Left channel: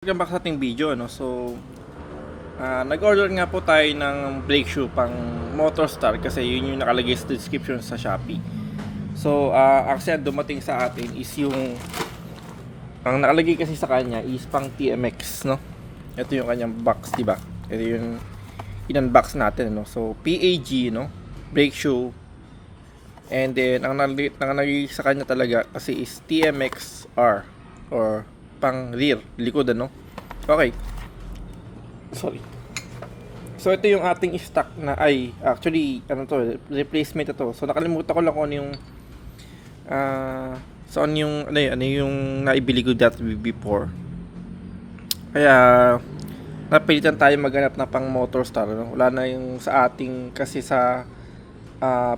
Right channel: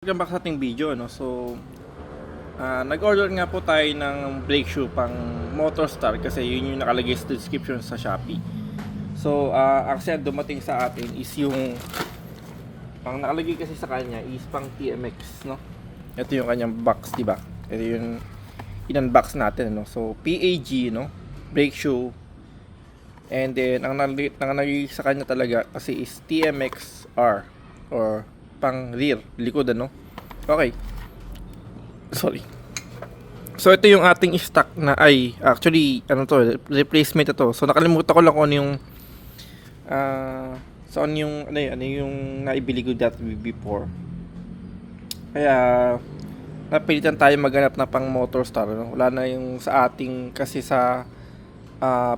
Welcome back sa ating video, no? So, nag-order nga po tayo ng brake shoe pang Motorstar kasi yun yung nakalagay sa description sa Shopee. So, actually dumating sa atin is yung ang nakalagay kasi sa kanya is pang TMX, no? Ito yung kanyang box, di ba? Ito yung in-unbox natin, no? So, PAG, no? Brake shoe. And then, ang nakalagay sa kanya talaga kasi is TMXR or pang rear, likod, ano? Okay. Sorry. So ito yung ating stock na actually ano to, replacement ito. So nakalimutan ko lang kung ano yung saan yung ano yung naibili ko that before. Kaya napilitan tayo maghanap na pang Motorstar, no? Wala na yung sa ating kasi sa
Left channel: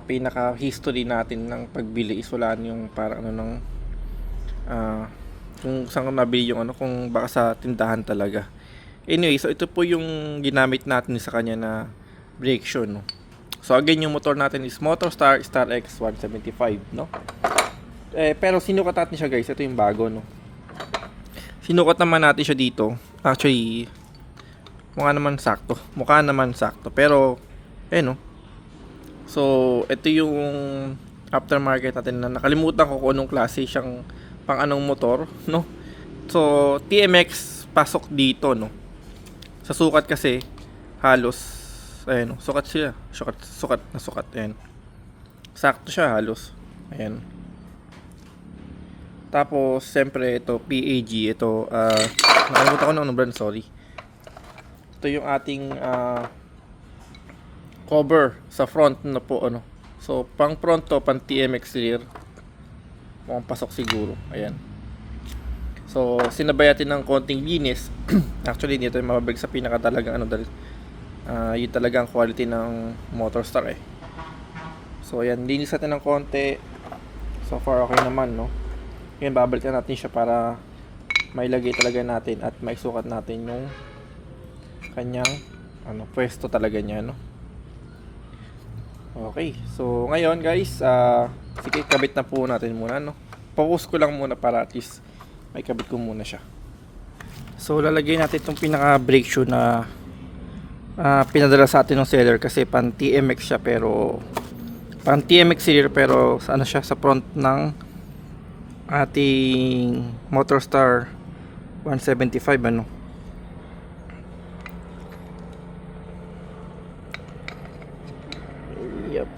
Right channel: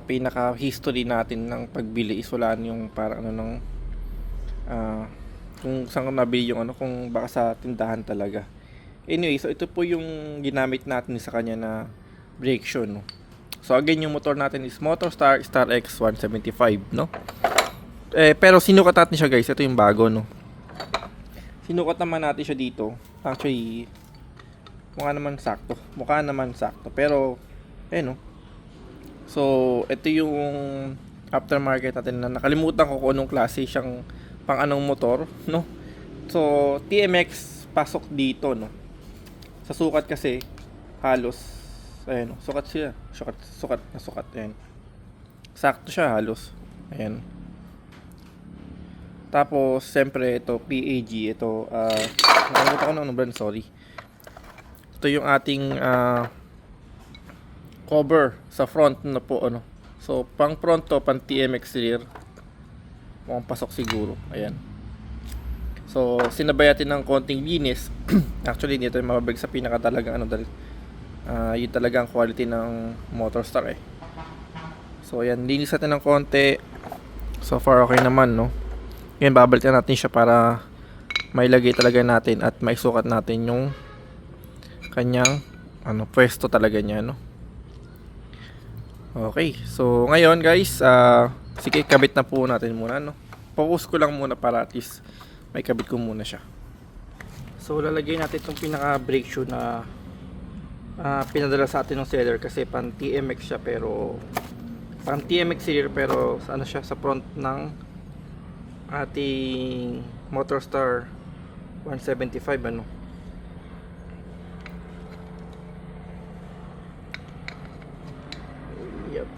pinaka history natin ng pagbili is wala na yung parang ano ng kung saan ko nabili yung ano, kung baka sa tindahan talaga. Anyway, so ito po yung ginamit natin sa kanya na brake shoe, no? So again, yung motor natin is Motorstar Star X 175, no? Pero sinukat natin siya, guys. Ito yung bago, no? Sinukat naman natin siya dito. Actually, mukha naman sakto. Pero, no? So, ito yung aftermarket natin na nakalimutan ko kung anong klase siyang pang anong motor, no? So, TMX pasok dito, no? Sa sukat kasi halos ayan, no? Sukat siya. Sukat, ayan. Sakto siya halos. Ayan. Tapos, siyempre ito PAG, ito nakalimutan ko na ano brand, sorry. Ito yung ating cover sa front na po, ano. So, pang front to, pang TMX rear. Mukhang pasok siguro. Ayan. So, sinabayatin ng konting linis. Actually, dito yung mababag sa pinakatalagang ano dahil yun talaga ang quality ng Motorstar eh. So, ayan. Linis natin ng konti. So far, okay naman, no? Ngayon, babalikan natin siya para mailagay talaga natin at maisukat natin yung kanyang pwesto talaga niya, no? Okay. So, ngayon, guys, sige, kabit na po natin muna, no? Focus ko lang muna para at least may kabit ko muna siya. So lalagay natin itong pinaka brake shoe na pinadala sa atin ng seller kasi pan TMX siya, pero pan TMX rear pero ano siya sa front ng ating Motorstar 175, ano. Yep.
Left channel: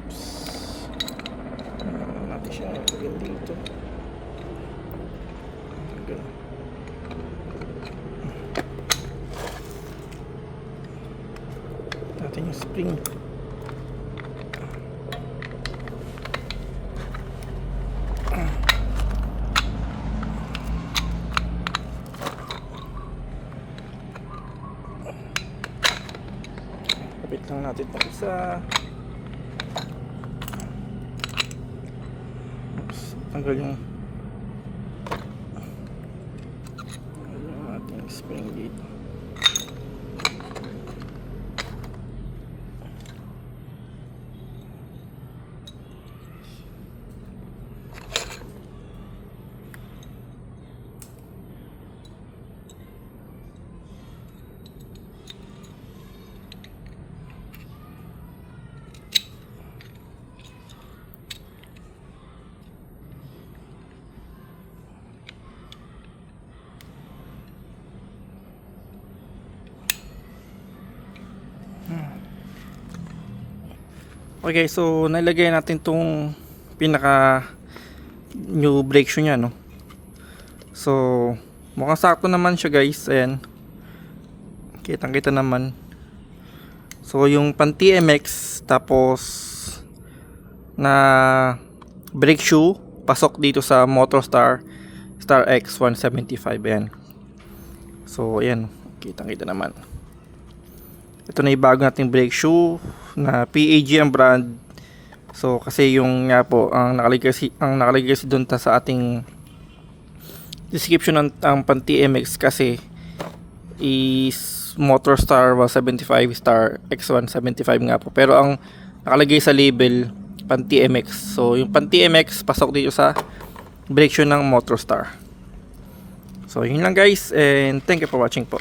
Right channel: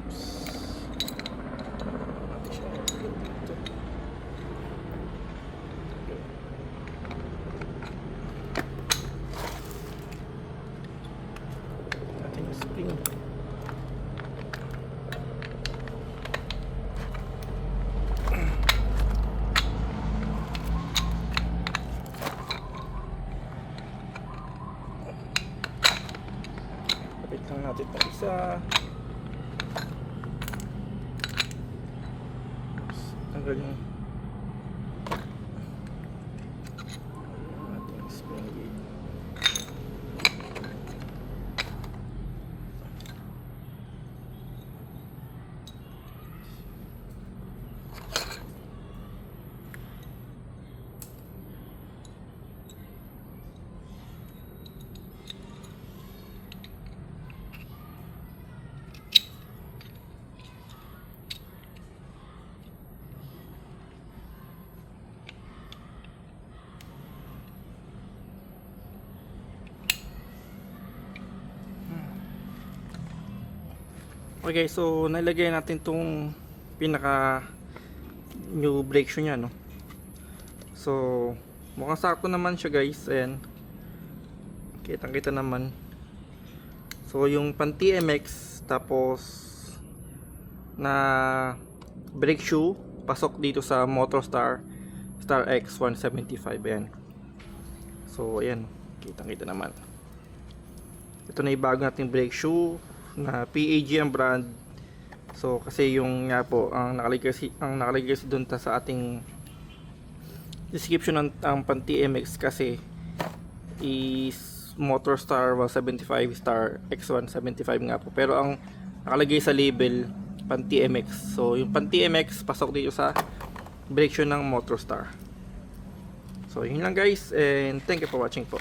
Natin siya ilagay dito. Natin yung spring. Kapit lang natin pa isa. Tanggal yung ating spring gate. Okay, so nilagay natin tong pinaka new brake shoe niya, no. So mukhang sakto naman siya, guys. Ayan, kitang-kita naman. So yung pan TMX tapos na brake shoe pasok dito sa Motorstar Star X 175. Ayan. So ayan, kitang-kita naman. Ito na yung bago nating brake shoe na PAG ang brand. So kasi yung nga po ang nakalagay kasi doon sa ating description ng pan TMX kasi is Motorstar 175 Star X175 nga po, pero ang nakalagay sa label pan TMX. So yung pan TMX pasok dito sa brake shoe ng Motorstar. So yun lang guys, and thank you for watching po.